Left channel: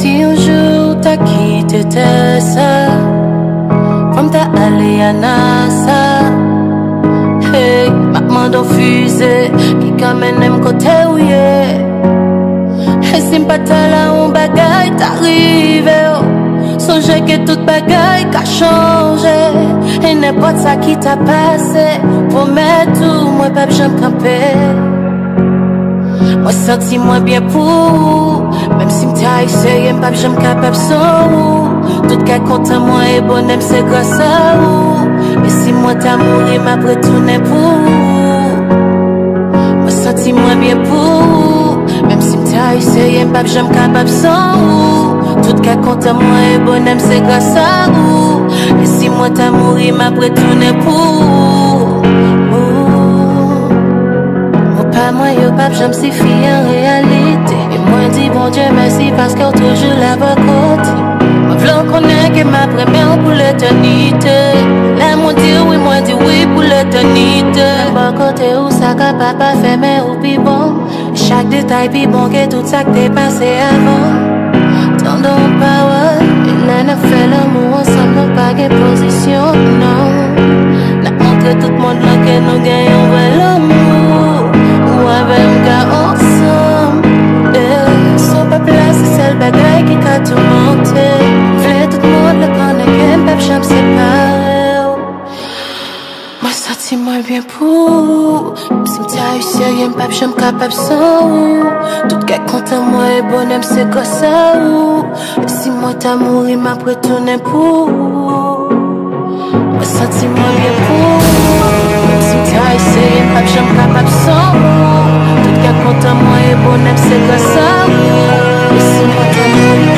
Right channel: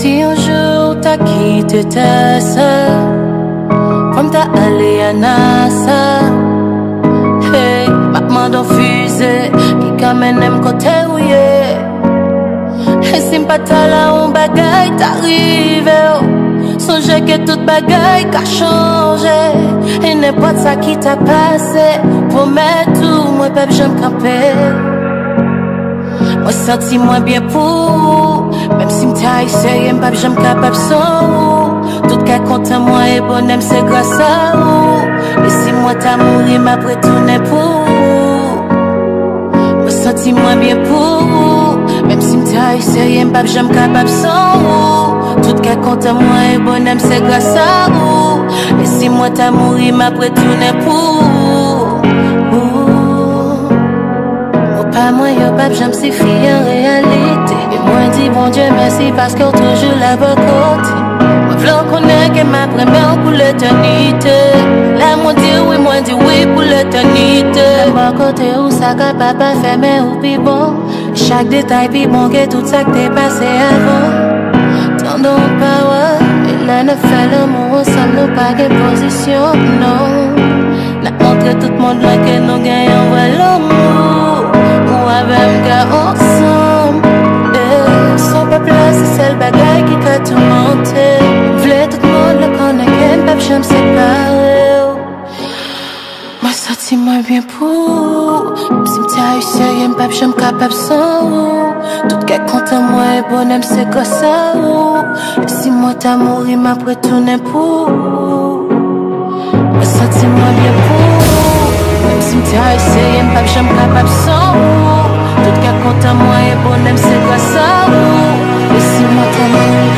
Si un jour t'as quitté tes sœurs, comme t'as allé à NASA, hey, maman d'en fusée, qui quand même aime côté où y'a. Et si m'pas ta là, on bagaille t'arrive, oh. Songez que toute bagaille qu'a changé. Et n'importe ça qui t'a passé, promets tout, moi pas j'aime camper. Moi senti moins bien pour, même si m'ta essayé, m'pas j'aime capable sans ou. Tout cas content moi et bonhomme c'est grâce à vous. Et si moi t'as mouru, m'a retourné pour. Moi senti moins bien pour, même si m'ta essayé, m'pas j'aime capable sans ou. Tout cas content moi et bonhomme c'est grâce à vous. Et si moi t'as mouru, m'a retourné pour. Pas moi, yo pas j'aime si fille en réalité. Et moi dis bon Dieu merci parce qu'on toujours la bonne côté. Moi v'l'en connaît que ma première pour l'éternité. Là moi dis oui pour l'éternité. La bonne côté où ça capable pas faire mais ou pis bon. Chaque détail pis bon que tout ça que t'es passé avant. Tendons pas ouais. Et là n'a fait l'amour ensemble nous pas gain position non. N'a montré tout le monde là que nous gagnons vrai l'amour. Ou avec un gars ensemble, son peuple là c'est celle bagaille qui a tout monté. V'lait tout le monde le connaît qu'un peuple j'aime séparer. Moi senti moins bien pour, si m'ta eu sérieux m'pap j'aime capable sans ou. Tout cas content moi et bonhomme c'est grâce à ou. Et si moi t'as mouru m'a retourné pour. Moi senti moins bien pour, si m'ta essayé, m'pas j'aime capable sans ou. Tout cas content moi et bonhomme c'est grâce à vous. Et si moi t'as mouru